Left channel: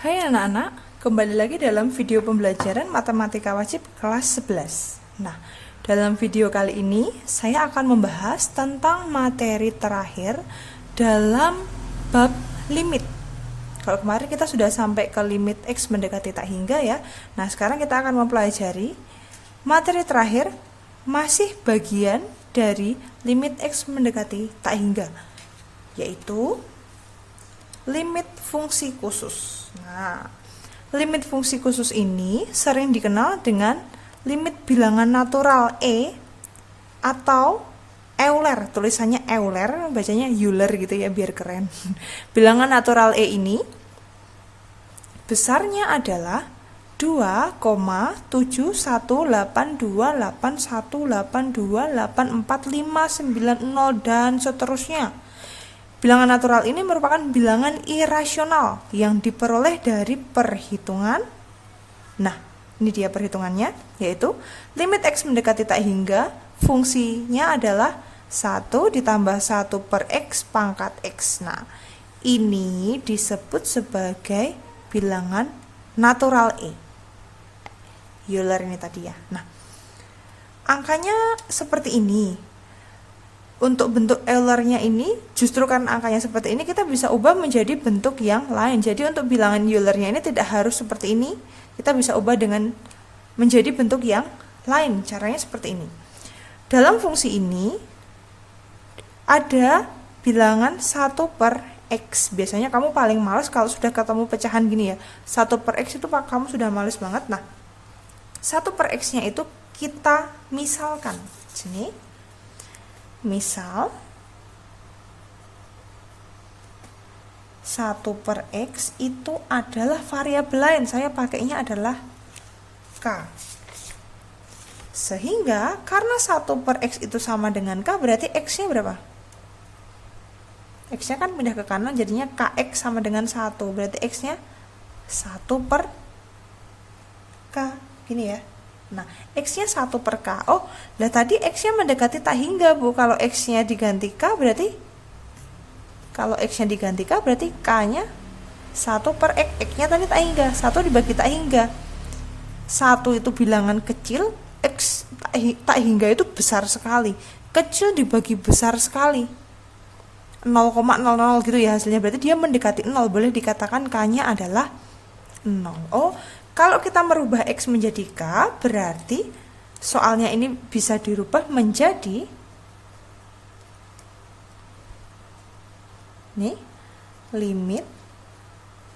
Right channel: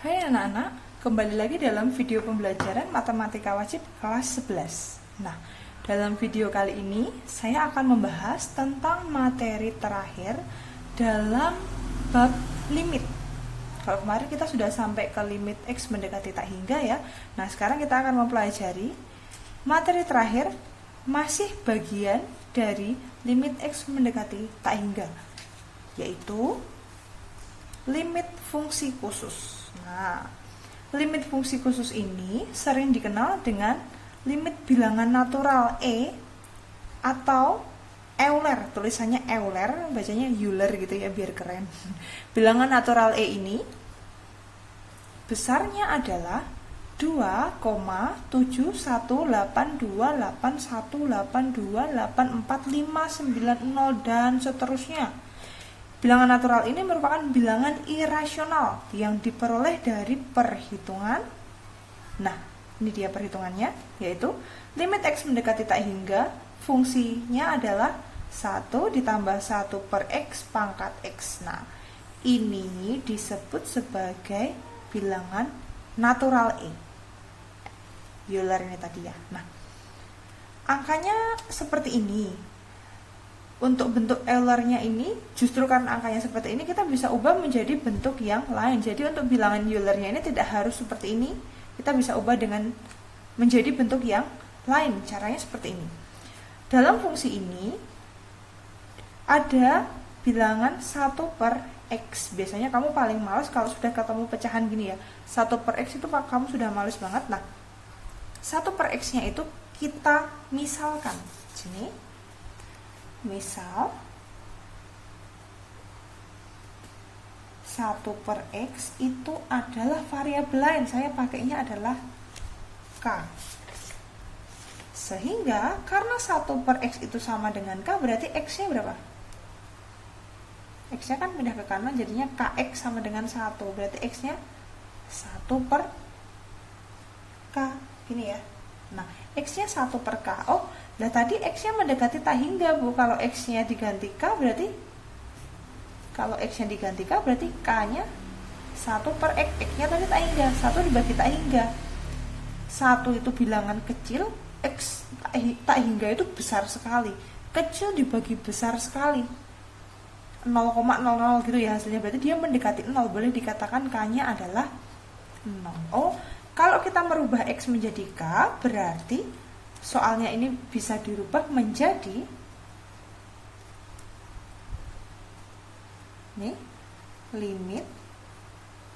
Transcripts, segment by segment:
Hai anak-anak, kembali lagi dalam video pembelajaran Matematika Wajib kelas 11. Nah, dalam video kali ini saya akan membahas tentang materi terakhir dalam bab limit. Kalau kemarin kita sudah sampai ke limit X mendekati tak hingga ya. Nah, sekarang kita akan mempelajari materi terakhir masih bagian dari limit X mendekati tak hingga, yaitu limit fungsi khusus. Nah, limit fungsi khusus ini sering dikenal dengan limit bilangan natural E atau Euler. Tulisannya Euler, bacanya Euler gitu ya biar keren. Bilangan natural E ini besarnya adalah 2,71828182845990 dan seterusnya. Bilangan natural ini merupakan bilangan irasional yang diperoleh dari perhitungan. Nah, ini dia perhitungannya, yaitu limit X mendekati tak hingga, fungsinya adalah 1 ditambah 1 per X pangkat X. Nah, ini disebut sebagai bilangan natural E. Euler ini tadi ya. Nah, angkanya seperti ini. Untuk bentuk Euler-nya ini, justru karena angkanya seperti ini, kita bisa ubah menjadi bentuk yang lain. Jadi untuk bilangan Euler-nya ini tidak harus seperti ini, kita bisa ubah dengan menjadi bentuk yang lain. Caranya seperti ini. Dalam fungsi ini ada bilangan 1 per X. Biasanya kamu paling males kalau sudah ketemu pecahan gini ya. 1 per X itu kamu sudah males banget. Nah, 1 per X-nya itu kita misalkan. Sini. Misal 1 per X itu adalah variabel lain. Saya pakainya adalah K. Sehingga karena 1 per X itu sama dengan K, berarti X-nya berapa? X-nya kan pindah ke kanan, jadinya KX sama dengan 1. Berarti X-nya 1 per K. Gini ya. Nah, X-nya 1 per K. Oh, lah tadi X-nya mendekati tak hingga, Bu. Kalau X-nya diganti K, berarti K-nya 1 per X. X-nya tadi tak hingga. 1 dibagi tak hingga. 1 itu bilangan kecil, X tak hingga itu besar sekali. Kecil dibagi besar sekali. 0,00 gitu ya hasilnya. Berarti dia mendekati 0. Boleh dikatakan K-nya adalah 0. Oh, kalau kita merubah X menjadi K, berarti soalnya ini bisa dirubah menjadi nih, limit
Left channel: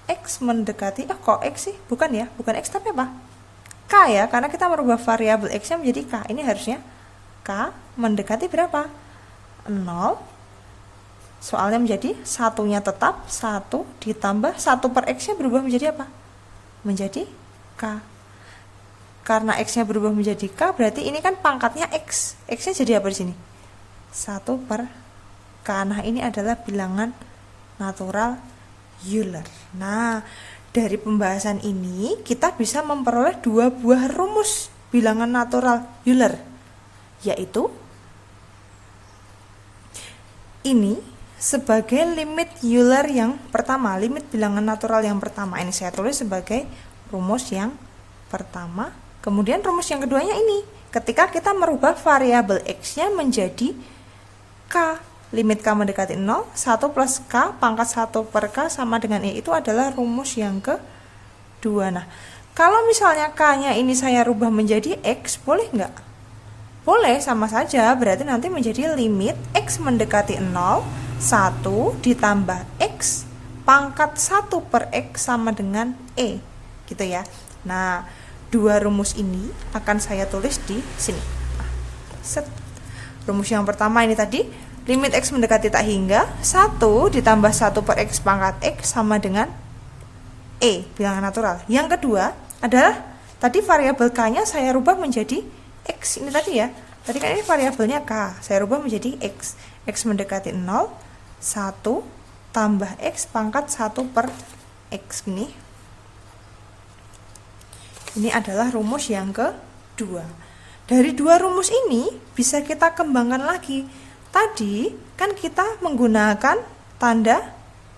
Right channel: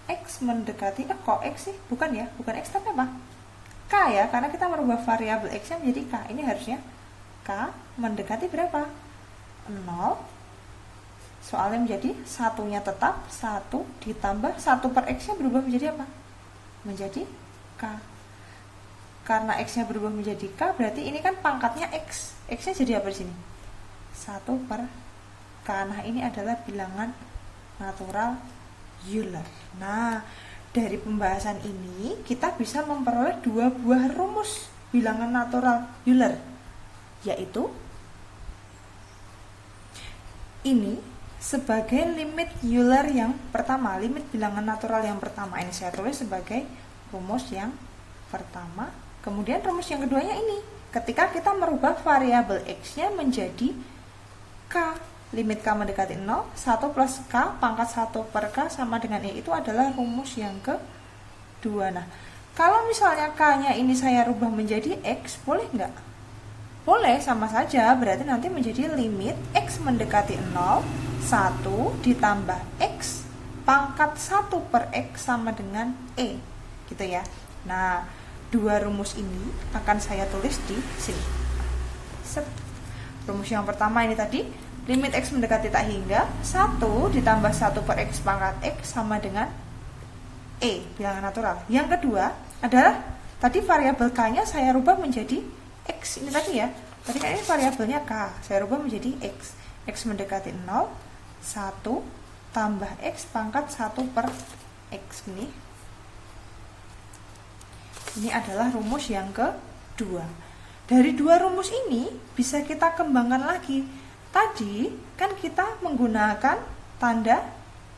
X mendekati, kok X sih? Bukan ya, bukan X tapi apa? K ya, karena kita merubah variabel X-nya menjadi K. Ini harusnya K mendekati berapa? 0. Soalnya menjadi satunya tetap 1 ditambah 1 per X-nya berubah menjadi apa? Menjadi K. Karena X-nya berubah menjadi K, berarti ini kan pangkatnya X. X-nya jadi apa di sini? 1 per K. Nah, ini adalah bilangan natural Euler. Nah, dari pembahasan ini kita bisa memperoleh 2 buah rumus bilangan natural Euler, yaitu ini sebagai limit Euler yang pertama, limit bilangan natural yang pertama. Ini saya tulis sebagai rumus yang pertama. Kemudian rumus yang keduanya ini, ketika kita merubah variabel X-nya menjadi K, limit K mendekati 0, 1 plus K pangkat 1 per K sama dengan E, itu adalah rumus yang kedua. Nah, kalau misalnya K-nya ini saya rubah menjadi X, boleh nggak? Boleh, sama saja. Berarti nanti menjadi limit X mendekati 0, 1 ditambah X pangkat 1 per X sama dengan E, gitu ya. Nah, 2 rumus ini akan saya tulis di sini. Set. Rumus yang pertama ini tadi, limit X mendekati tak hingga, 1 ditambah 1 per X pangkat X sama dengan E, bilangan natural. Yang kedua adalah tadi variabel K-nya saya rubah menjadi X. Ini tadi ya. Tadi kan ini variabelnya K, saya rubah menjadi X. X mendekati 0, 1 tambah X pangkat 1 per X. Ini adalah rumus yang kedua. Dari 2 rumus ini bisa kita kembangkan lagi. Tadi kan kita menggunakan tanda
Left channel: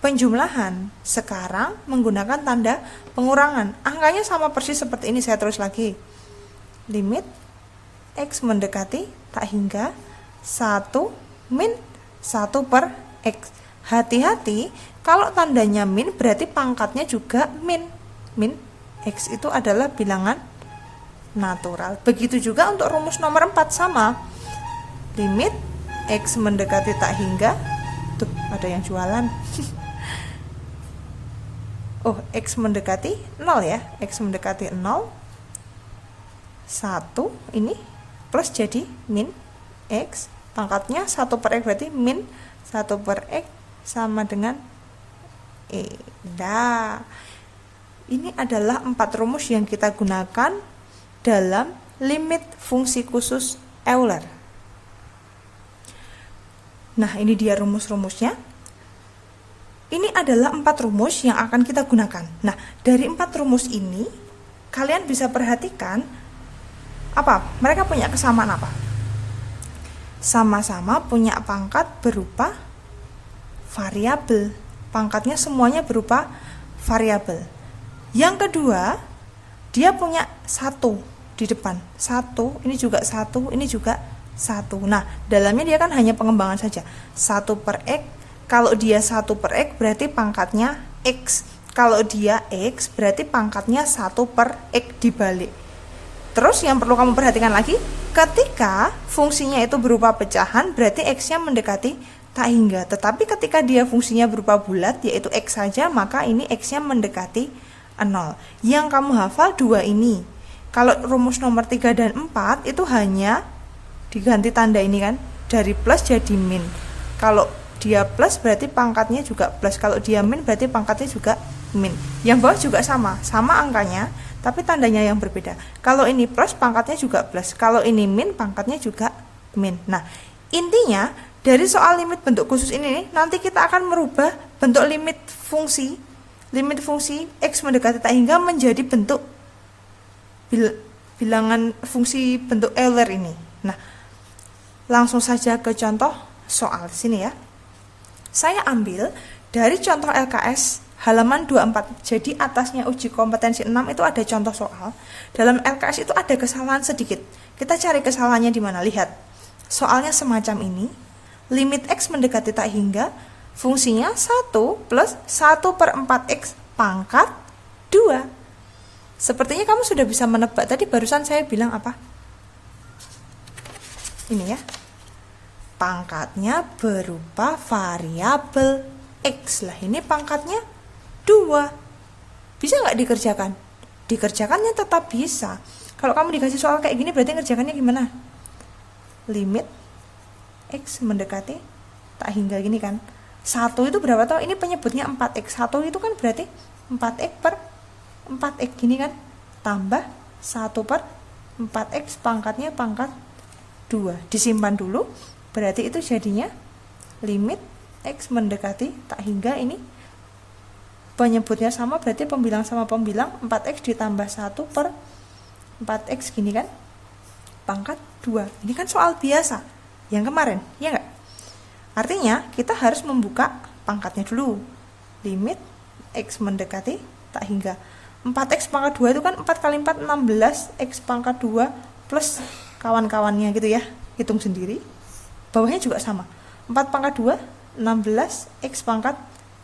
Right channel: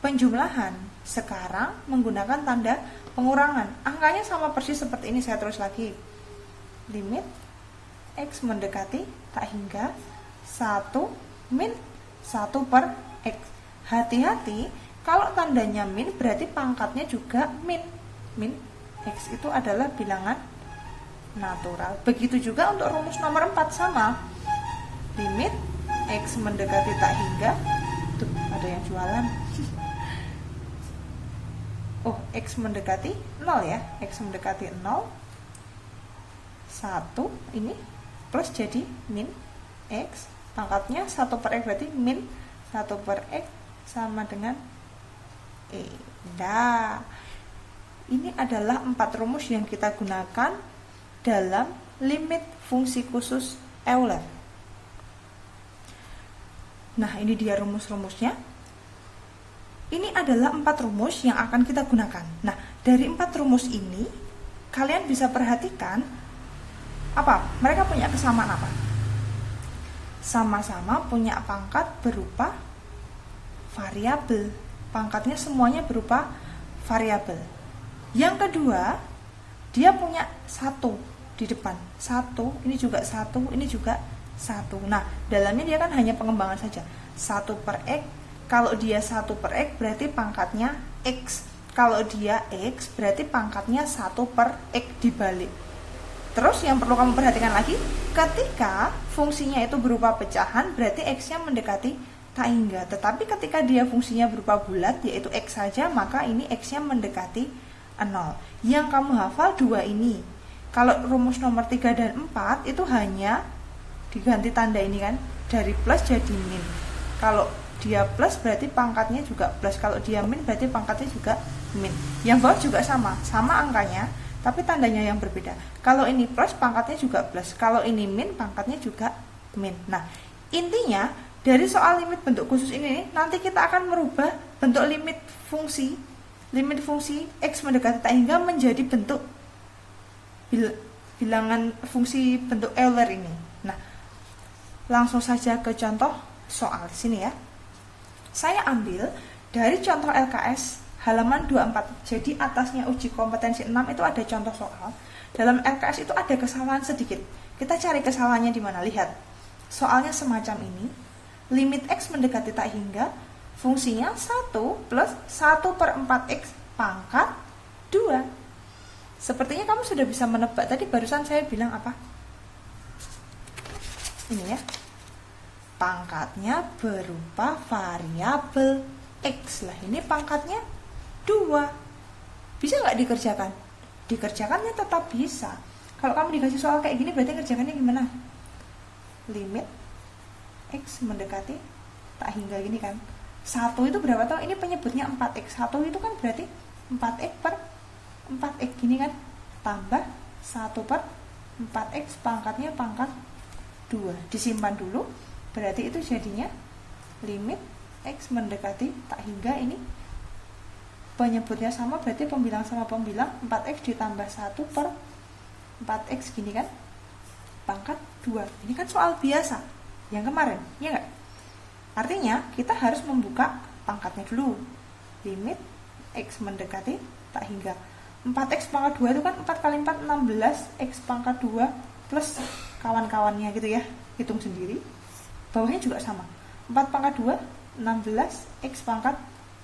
penjumlahan. Sekarang menggunakan tanda pengurangan. Angkanya sama persis seperti ini, saya tulis lagi. Limit X mendekati tak hingga 1 min 1 per X. Hati-hati, kalau tandanya min berarti pangkatnya juga min. Min X itu adalah bilangan natural. Begitu juga untuk rumus nomor 4 sama. Limit X mendekati tak hingga, tuh ada yang jualan. Oh, X mendekati 0 ya. X mendekati 0, 1 ini plus jadi min X. Pangkatnya 1 per X berarti min 1 per X sama dengan E. Nah, ini adalah 4 rumus yang kita gunakan dalam limit fungsi khusus Euler. Nah, ini dia rumus-rumusnya. Ini adalah 4 rumus yang akan kita gunakan. Nah, dari 4 rumus ini, kalian bisa perhatikan apa? Mereka punya kesamaan apa? Sama-sama punya pangkat berupa variabel. Pangkatnya semuanya berupa variabel. Yang kedua, dia punya 1 di depan. 1, ini juga 1, ini juga 1. Nah, dalamnya dia kan hanya pengembangan saja. 1 per X. Kalau dia 1 per X berarti pangkatnya X. Kalau dia X berarti pangkatnya 1 per X dibalik. Terus yang perlu kamu perhatikan lagi, ketika fungsinya itu berupa pecahan berarti X-nya mendekati tak hingga. Tetapi ketika dia fungsinya berupa bulat yaitu X saja, maka ini X-nya mendekati 0. Yang kamu hafal 2 ini. Kalau rumus nomor 3 dan 4 itu hanya diganti tanda ini kan, dari plus jadi min. Kalau dia plus berarti pangkatnya juga plus, kalau dia min berarti pangkatnya juga min. Yang bawah juga sama angkanya, tapi tandanya yang berbeda. Kalau ini plus pangkatnya juga plus, kalau ini min pangkatnya juga min. Nah, intinya dari soal limit bentuk khusus ini nanti kita akan merubah bentuk limit fungsi X mendekati tak hingga menjadi bentuk bilangan fungsi bentuk Euler ini. Nah, langsung saja ke contoh soal di sini ya. Saya ambil dari contoh LKS halaman 24. Jadi atasnya uji kompetensi 6 itu ada contoh soal. Dalam LKS itu ada kesalahan sedikit. Kita cari kesalahannya di mana? Lihat. Soalnya semacam ini. Limit X mendekati tak hingga, fungsinya 1 plus 1 per 4X pangkat 2. Sepertinya kamu sudah bisa menebak. Tadi barusan saya bilang apa? Ini ya. Pangkatnya berupa variabel X. Lah ini pangkatnya 2. Bisa nggak dikerjakan? Dikerjakannya tetap bisa. Kalau kamu dikasih soal kayak gini berarti ngerjakannya gimana? Limit X mendekati tak hingga gini kan. 1 itu berapa tau? Ini penyebutnya 4X. 1 itu kan berarti 4X per 4X gini kan. Tambah 1 per 4X pangkatnya pangkat 2. Disimpan dulu. Berarti itu jadinya limit X mendekati tak hingga, ini penyebutnya sama berarti pembilang sama pembilang, 4X ditambah 1 per 4X gini kan, pangkat 2. Ini kan soal biasa yang kemarin, ya enggak? Artinya kita harus membuka pangkatnya dulu. Limit X mendekati tak hingga. 4X pangkat 2 itu kan 4 kali 4 16, X pangkat 2 plus kawan-kawannya gitu ya. Hitung sendiri. Bawahnya juga sama. 4 pangkat 2 16, X pangkat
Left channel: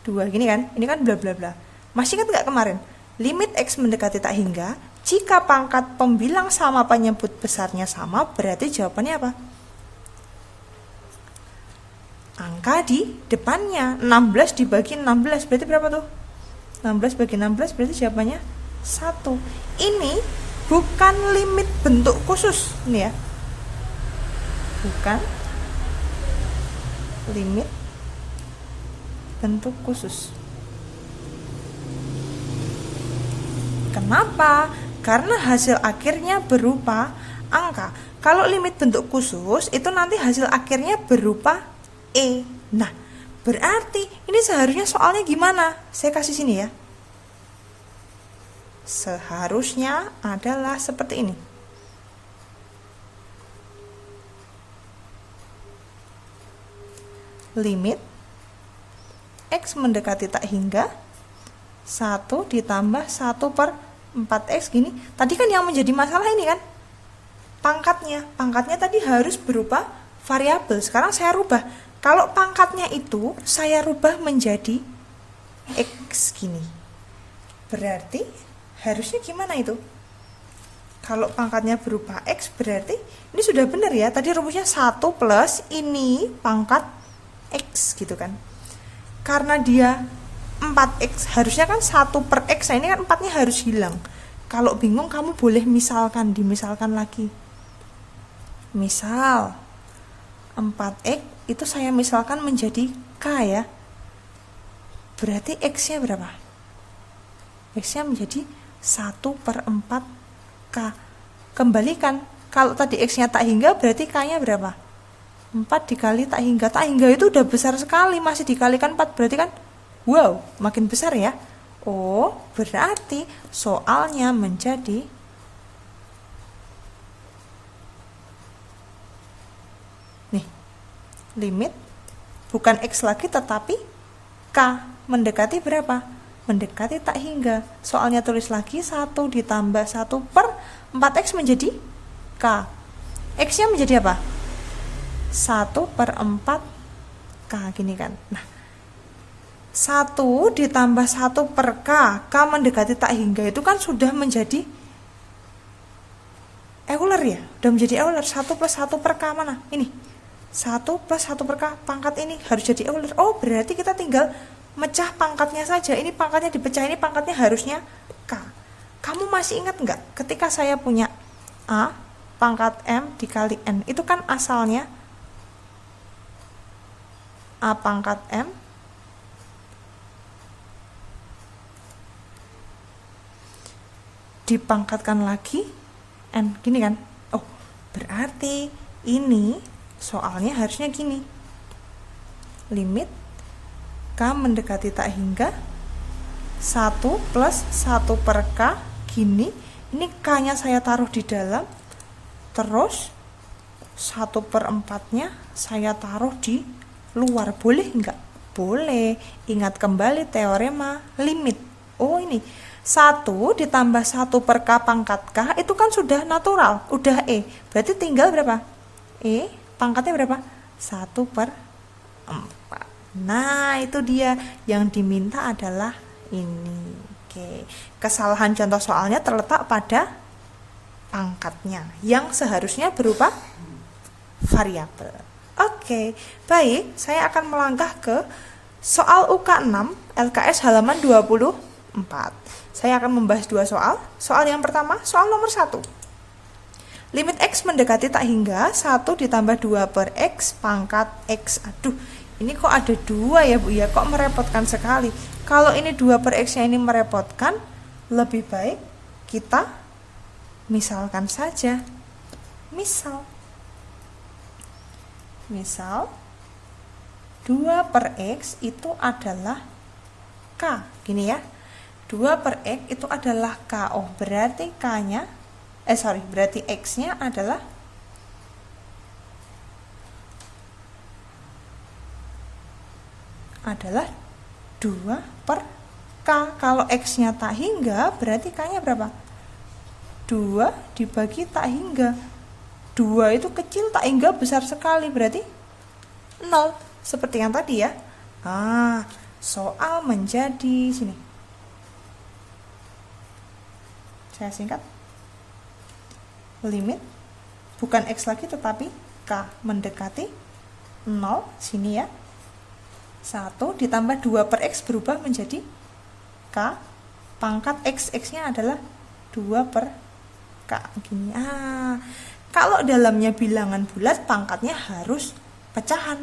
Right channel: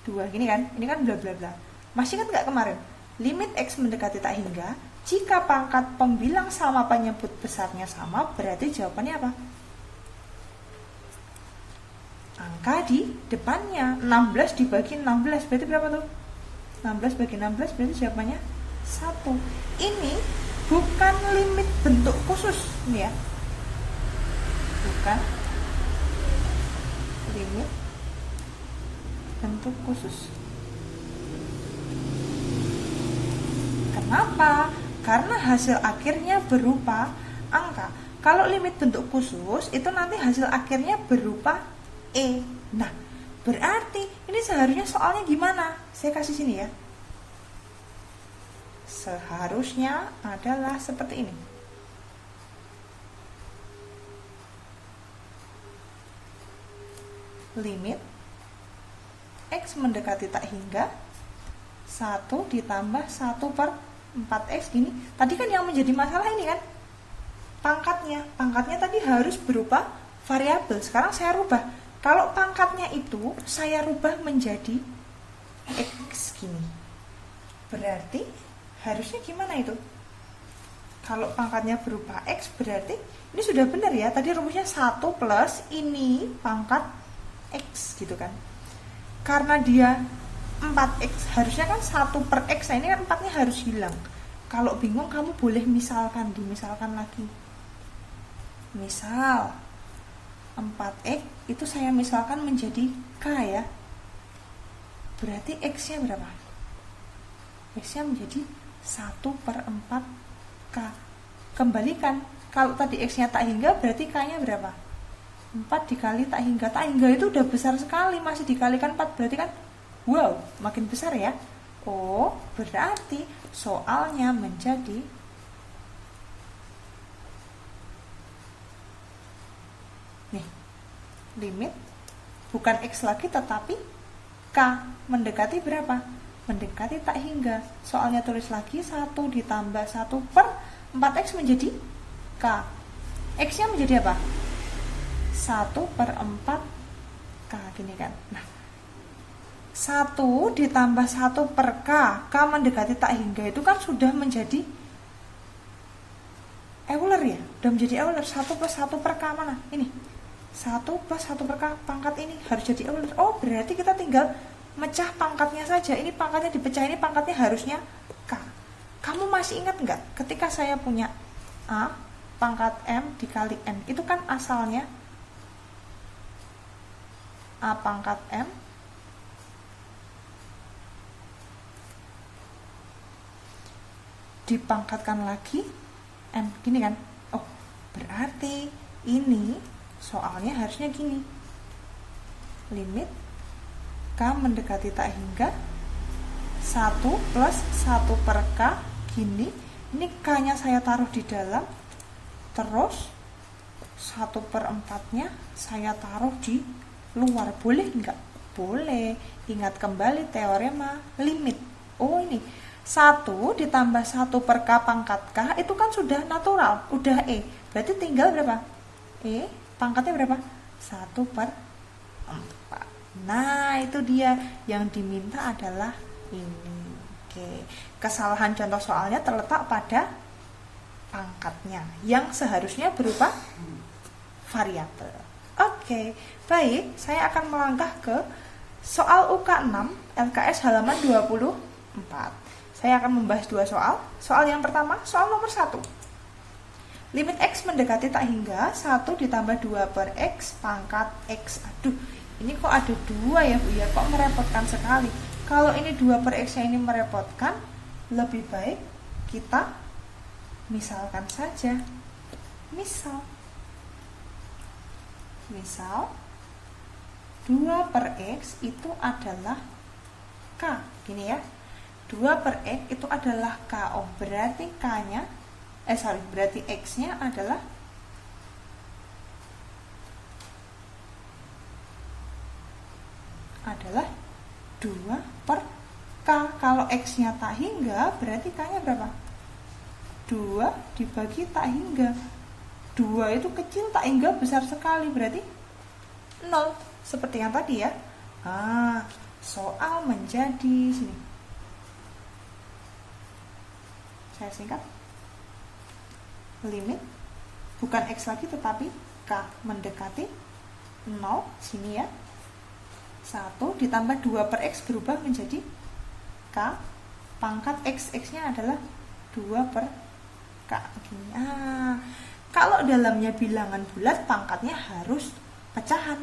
2 gini kan. Ini kan bla bla bla. Masih ingat enggak kemarin? Limit X mendekati tak hingga, jika pangkat pembilang sama penyebut besarnya sama, berarti jawabannya apa? Angka di depannya. 16 dibagi 16 berarti berapa tuh? 16 bagi 16 berarti jawabannya 1. Ini bukan limit bentuk khusus. Ini ya. Bukan limit bentuk khusus. Kenapa? Karena hasil akhirnya berupa angka. Kalau limit bentuk khusus itu nanti hasil akhirnya berupa E. Nah, berarti ini seharusnya soalnya gimana? Saya kasih sini ya. Seharusnya adalah seperti ini. Limit X mendekati tak hingga 1 ditambah 1 per 4X gini. Tadi kan yang menjadi masalah ini kan pangkatnya tadi harus berupa variabel. Sekarang saya rubah, kalau pangkatnya itu saya rubah menjadi X gini, berarti harusnya gimana itu? Kalau pangkatnya berupa X berarti ini sudah benar ya, tadi rumusnya 1 plus ini pangkat X gitu kan. Karena dia 4X, harusnya kan 1 per X, nah ini kan 4 nya harus hilang. Kalau bingung kamu boleh dimisalkan lagi. Misal 4X itu saya misalkan menjadi K ya, berarti X nya berapa? X nya menjadi 1 per 4 K. Kembalikan, kalau tadi X nya tak hingga berarti K nya berapa? 4 dikali tak hingga. Tak hingga itu udah besar sekali, masih dikalikan 4 berarti kan wow, makin besar ya. Oh, berarti soalnya menjadi nih, limit bukan X lagi tetapi K mendekati berapa? Mendekati tak hingga. Soalnya tulis lagi 1 ditambah 1 per 4X menjadi K. X nya menjadi apa? 1 per 4 K gini kan. Nah, 1 ditambah 1 per K, K mendekati tak hingga itu kan sudah menjadi Euler ya, udah menjadi Euler. 1 plus 1 per K mana? Ini 1 plus 1 per K, pangkat ini harus jadi Euler. Oh, berarti kita tinggal mecah pangkatnya saja. Ini pangkatnya dipecah, ini pangkatnya harusnya K. Kamu masih ingat nggak ketika saya punya A pangkat M dikali N, itu kan asalnya A pangkat M dipangkatkan lagi N, gini kan. Oh, berarti ini soalnya harusnya gini, limit K mendekati tak hingga 1 plus 1 per K gini. Ini K nya saya taruh di dalam, terus 1 per 4 nya saya taruh di luar. Boleh enggak? Boleh. Ingat kembali teorema limit. Oh, ini 1 ditambah 1 per K pangkat K itu kan sudah natural, udah E. Berarti tinggal berapa? E pangkatnya berapa? 1 per 4. Nah, itu dia yang diminta adalah ini. Oke. Kesalahan contoh soalnya terletak pada pangkatnya yang seharusnya berupa variabel. Oke, baik, saya akan melangkah ke soal UK6 LKS halaman 24. Saya akan membahas dua soal. Soal yang pertama, soal nomor 1. Limit X mendekati tak hingga 1 ditambah 2 per X pangkat X. Aduh, ini kok ada 2 ya Bu ya, kok merepotkan sekali. Kalau ini 2 per X nya ini merepotkan, lebih baik kita misalkan saja. Misal 2 per X itu adalah K, gini ya. 2 per X itu adalah K. Oh, berarti K nya berarti X nya adalah adalah 2 per K. Kalau X nya tak hingga berarti K nya berapa? 2 dibagi tak hingga. 2 itu kecil, tak hingga besar sekali, berarti 0. Seperti yang tadi ya. Nah, soal menjadi sini. Saya singkat. Limit bukan X lagi tetapi K mendekati 0 sini ya. 1 ditambah 2 per X berubah menjadi K pangkat X nya adalah 2 per K gini. Kalau dalamnya bilangan bulat pangkatnya harus pecahan.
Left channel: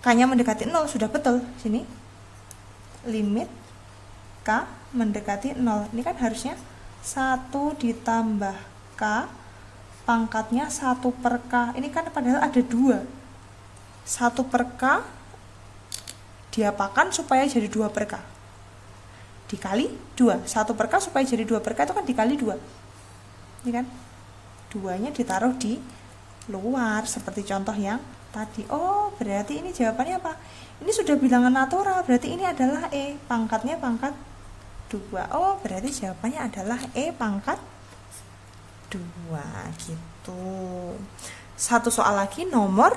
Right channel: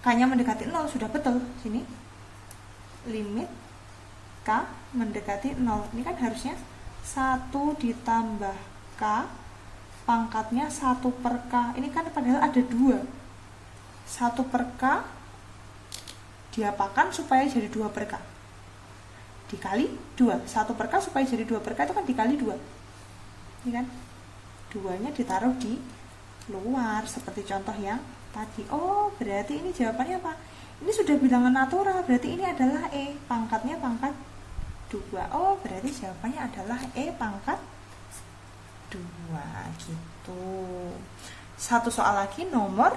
K nya mendekati 0 sudah betul sini. Limit K mendekati 0. Ini kan harusnya 1 ditambah K pangkatnya 1 per K. Ini kan padahal ada 2. 1 per K diapakan supaya jadi 2 per K. Dikali 2. 1 per K supaya jadi 2 per K itu kan dikali 2. Ini kan 2-nya ditaruh di luar seperti contoh yang tadi. Oh, berarti ini jawabannya apa? Ini sudah bilangan natural, berarti ini adalah E, pangkatnya pangkat 2. Oh, berarti jawabannya adalah E pangkat 2 gitu. Satu soal lagi, nomor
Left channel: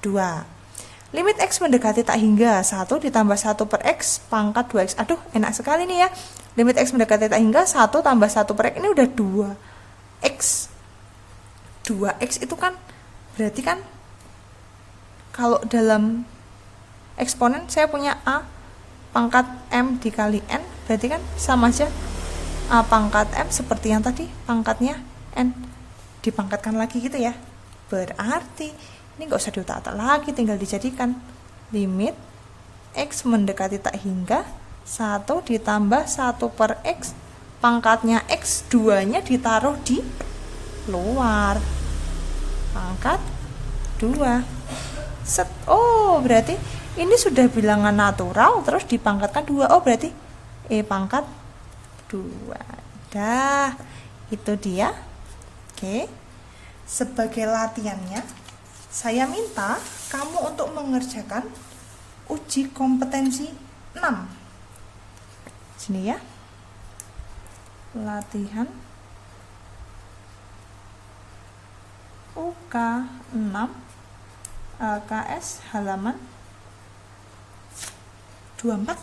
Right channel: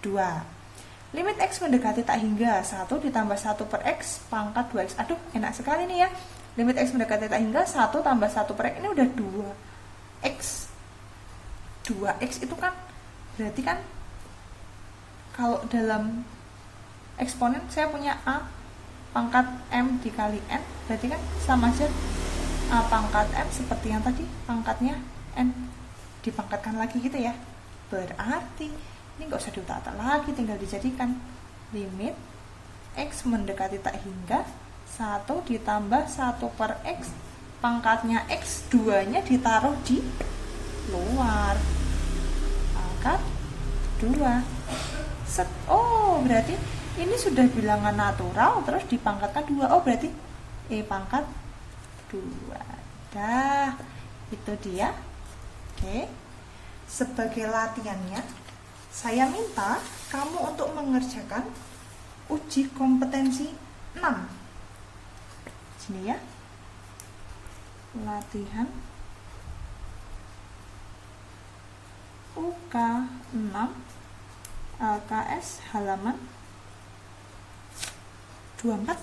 2. Limit X mendekati tak hingga 1 ditambah 1 per X pangkat 2X. Aduh, enak sekali nih ya. Limit X mendekati tak hingga 1 tambah 1 per X. Ini udah 2X. 2X itu kan berarti kan kalau dalam eksponen saya punya A pangkat M dikali N, berarti kan sama aja A pangkat M seperti yang tadi, pangkatnya N dipangkatkan lagi gitu ya. Berarti ini nggak usah diutak-atik lagi, tinggal dijadikan limit X mendekati tak hingga 1 ditambah 1 per X pangkatnya X, 2 nya ditaruh di luar pangkat 2. Oh, berarti ini sudah bilangan natural terus dipangkatkan 2. Oh, berarti E pangkat 2. Dah, itu dia. Oke. Sebagai latihannya, saya minta kamu untuk mengerjakan uji kompetensi 6. Sini ya. Latihan UK 6 LKS halaman 24.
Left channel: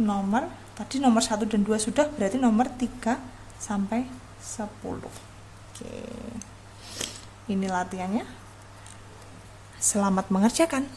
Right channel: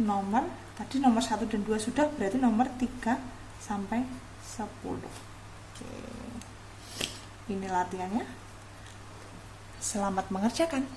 Nomor 1 dan 2 sudah, berarti nomor 3 sampai 10. Oke. Ini latihannya. Selamat mengerjakan.